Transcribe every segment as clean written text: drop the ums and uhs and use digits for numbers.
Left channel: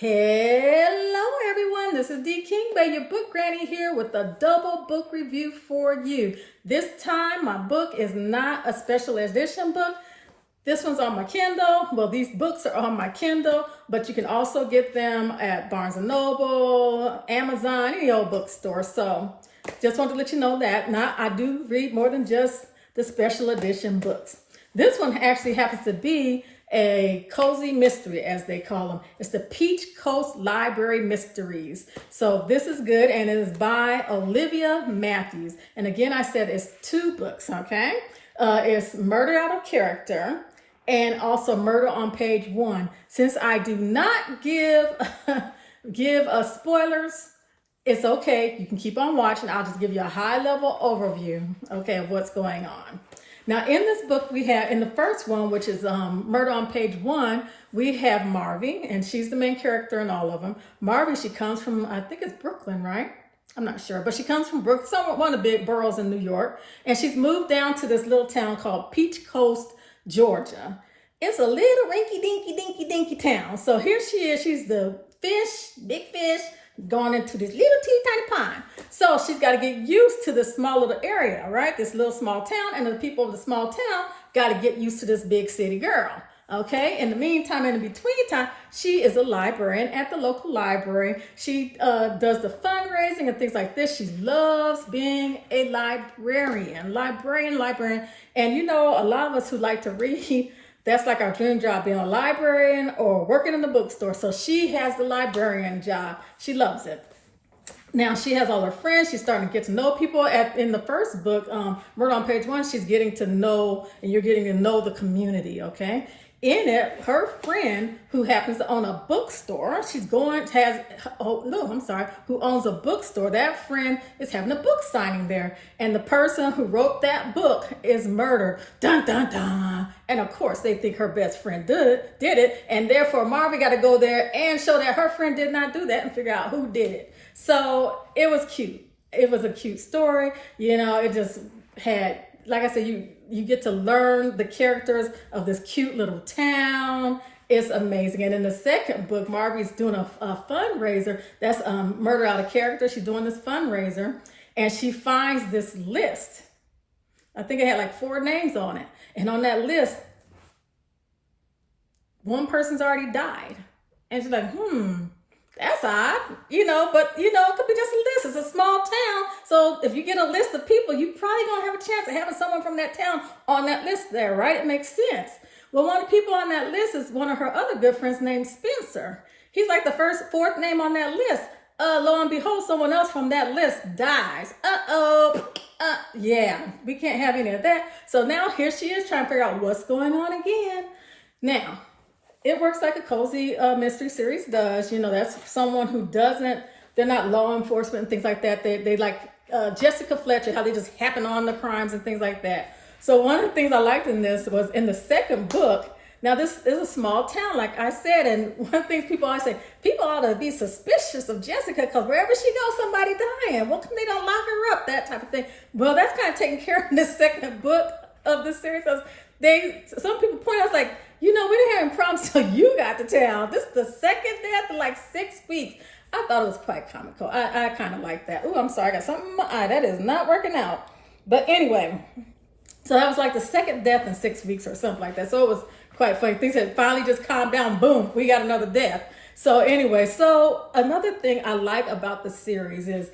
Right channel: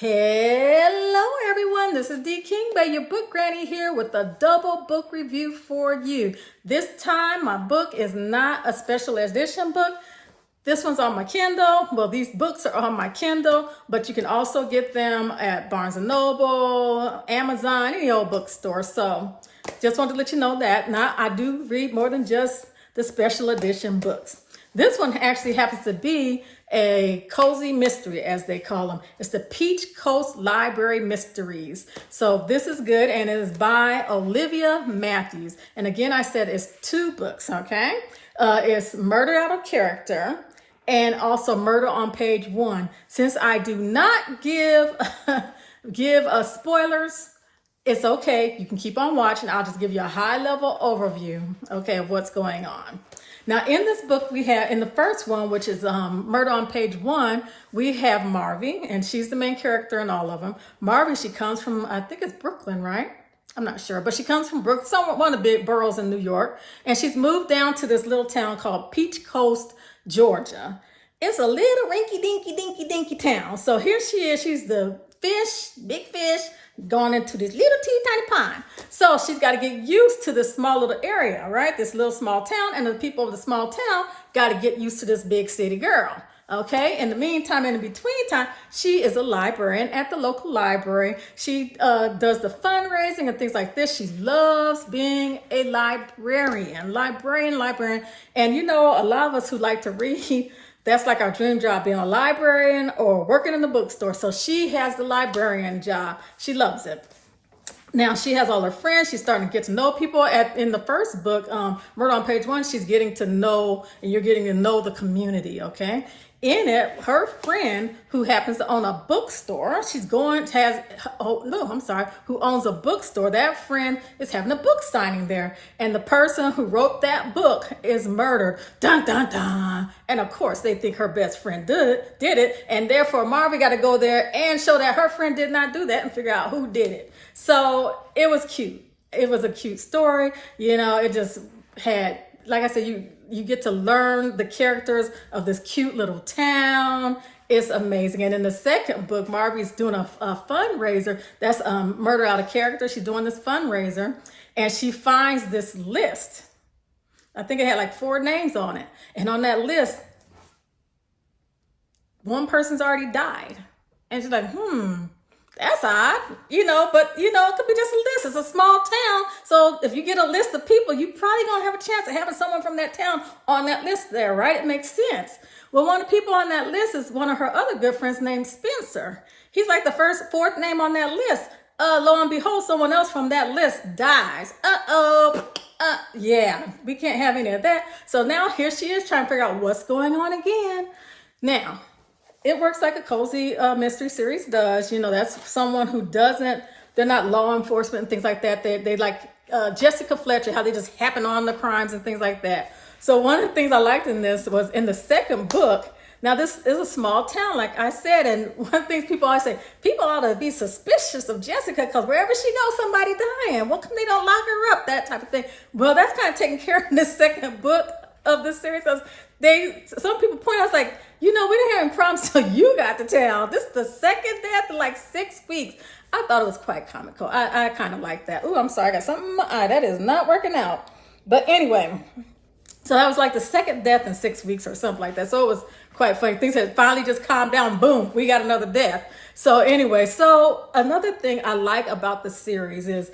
Hello everyone, this is D King by your book granny here with a double book review for you. This time my book is not a special edition book. This one's on my Kindle. Well, these books are on my Kindle, but you can also get them at Barnes & Noble, Amazon, any old bookstore. So just wanted to let you know that. Now, I do read more than just the special edition books. This one actually happens to be a cozy mystery, as they call them. It's the Peach Coast Library Mysteries. So this is good, and it is by Olivia Matthews. And again, I said it's two books, okay? It's Murder Out of Character and also Murder on Page 1. Since I do not give spoilers, it's okay. You can keep on watching. I'll just give you a high-level overview, okay, of what's going on. Now, in this book, we have, in the first one, which is Murder on Page 1, we have Marvy, and she's the main character in all of them. Marvy, she comes from, I think it's Brooklyn, right? I'm not sure, but she comes from one of the big boroughs in New York, and she's moved down to this little town called Peach Coast, Georgia. It's a little dinky town. So here she is. She's the fish, big fish, going into this little teeny tiny pond. So she's got to get used to this small little area, right? This little small town, and the people of the small town got to get used to this big city girl. Okay. In the meantime, in the between time, she is a librarian at the local library. She does the fundraising and things like this. She loves being a librarian. And you know, a lot of us who like to read, that's like our dream job, being a librarian or working in the bookstore. So she has the librarian job. She loves it. Now she has all her friends. She's starting to get to know people. In the first book, Murder on Page 1, she's getting to know, and you're getting to know the community, okay? In it, her friend who happens to own a bookstore, who owns a bookstore, that friend is having a book signing there. And the person who wrote that book is murdered. Dun, dun, dun. And of course, they think her best friend did it. And therefore, Marvy got to go there and show that her friend did not do that and figure out who did it. So it was cute. It was a cute story. You know, it just had, like I said, you get to learn the characters of this cute little town. It's amazing. And in the second book, Marvy's doing a fundraiser. That's Murder Out of Character. She's doing this fundraiser, and she finds this list. I think it had like 4 names on it. And on that list, one person's already died. And she's like, that's odd, but it could be just a list. It's a small town. So if you get a list of people, you probably gonna have a chance of having someone from that town on that list there, right? It makes sense. Well, one of the people on that list is one of her other good friends named Spencer. He's like the fourth name on that list. Lo and behold, someone else from that list dies. Yeah, we can't have any of that. So now here she is trying to figure out what's going on again. Now, it works like a cozy mystery series does. You know, that's someone who they're not law enforcement and things like that. They like Jessica Fletcher, how they just happen on the crimes and things like that. So one of the things I liked in this was in the second book. Now, this is a small town, like I said, and one of the things people always say, people ought to be suspicious of Jessica because wherever she goes, somebody dying. Well, come they don't lock her up, that type of thing. Well, that's kind of taken care of in the second book of the series. Some people point out, like, we didn't have any problems till you got to town. This is the second death in like 6 weeks. I thought it was quite comical. I kind of like that. Oh, I'm sorry, I got something in my eye. That is not working out. But anyway, so that was like the second death in 6 weeks or something like that. So it was quite funny. Things had finally just calmed down. Boom, we got another death. So anyway, so another thing I like about the series is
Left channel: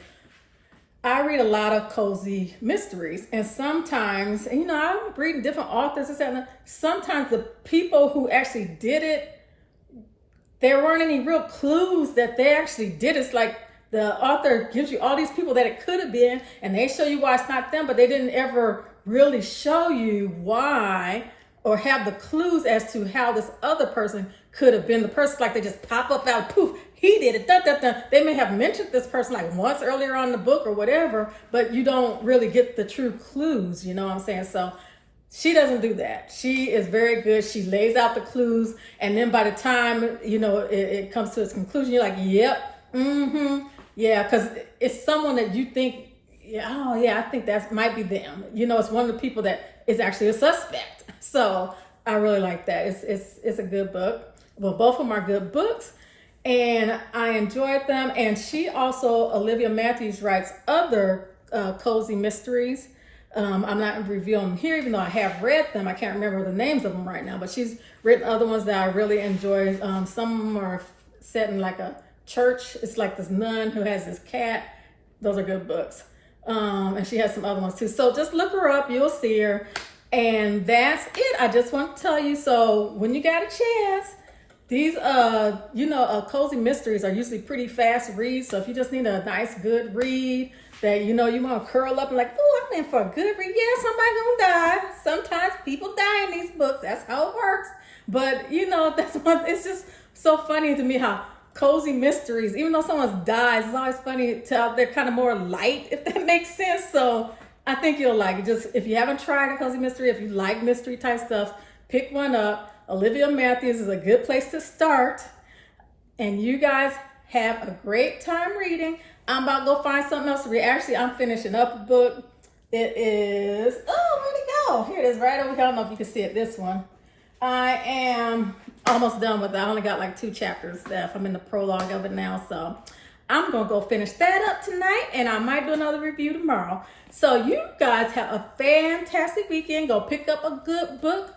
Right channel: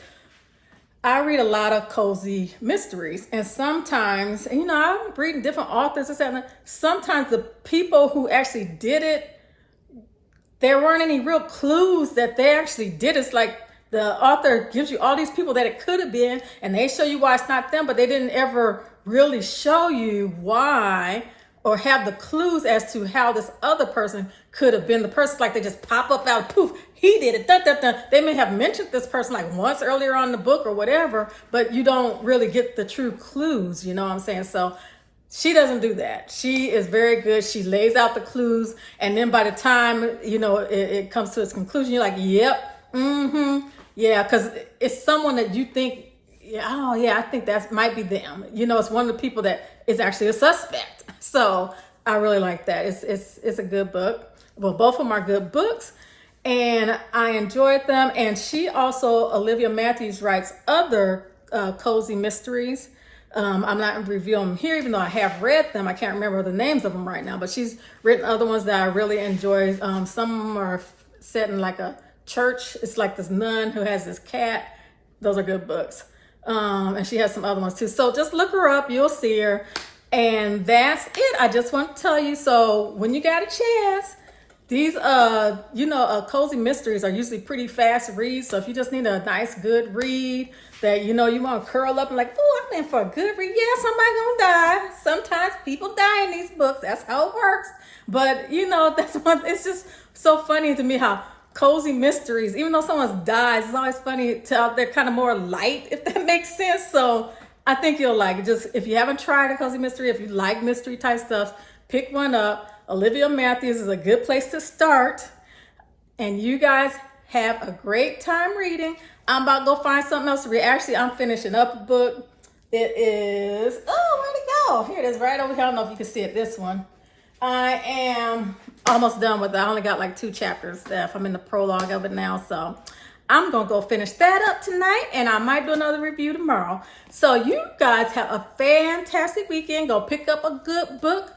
I read a lot of cozy mysteries, and sometimes, I'm reading different authors and stuff. Sometimes the people who actually did it, there weren't any real clues that they actually did. It's like the author gives you all these people that it could have been, and they show you why it's not them, but they didn't ever really show you why or have the clues as to how this other person could have been the person. Like they just pop up out, poof, he did it, dun, dun, dun. They may have mentioned this person like once earlier on in the book or whatever, but you don't really get the true clues, you know what I'm saying? So she doesn't do that. She is very good. She lays out the clues, and then by the time, it comes to its conclusion, you're like, yep, yeah, because it's someone that you think, I think that might be them. It's one of the people that is actually a suspect. So I really like that. It's a good book. Well, both of them are good books. and I enjoyed them. And she also, Olivia Matthews, writes other cozy mysteries. I'm not reviewing them here, even though I have read them. I can't remember the names of them right now, but she's written other ones that I really enjoy. Some of them are set in like a church. It's like this nun who has this cat. Those are good books. And she has some other ones too. So just look her up. You'll see her. And that's it. I just want to tell you. So when you got a chance, these, cozy mysteries are usually pretty fast reads. So if you just need a nice, good read that, you want to curl up and like, oh, I'm in for a good read. Yeah, somebody gonna die. Sometimes people die in these books. That's how it works. But, that's one, it's just so funny to me how cozy mysteries, even though someone dies, it's always funny they're kind of more light, if that makes sense. So I think you'll like it. Just if you haven't tried a cozy mystery, if you like mystery type stuff, pick one up. Olivia Matthews is a good place to start. And you guys have a great time reading. I'm about to go find something else to read. Actually, I'm finishing up a book. It is, where'd it go? Here it is, right over here. I don't know if you can see it, this one. I am almost done with it. I only got like 2 chapters left. I'm in the prologue of it now. So I'm going to go finish that up tonight, and I might do another review tomorrow. So you guys have a fantastic weekend. Go pick up a good book.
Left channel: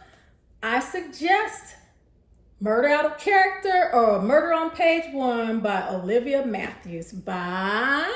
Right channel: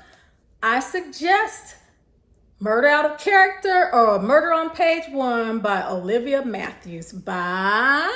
I suggest Murder Out of Character or Murder on Page 1 by Olivia Matthews. Bye.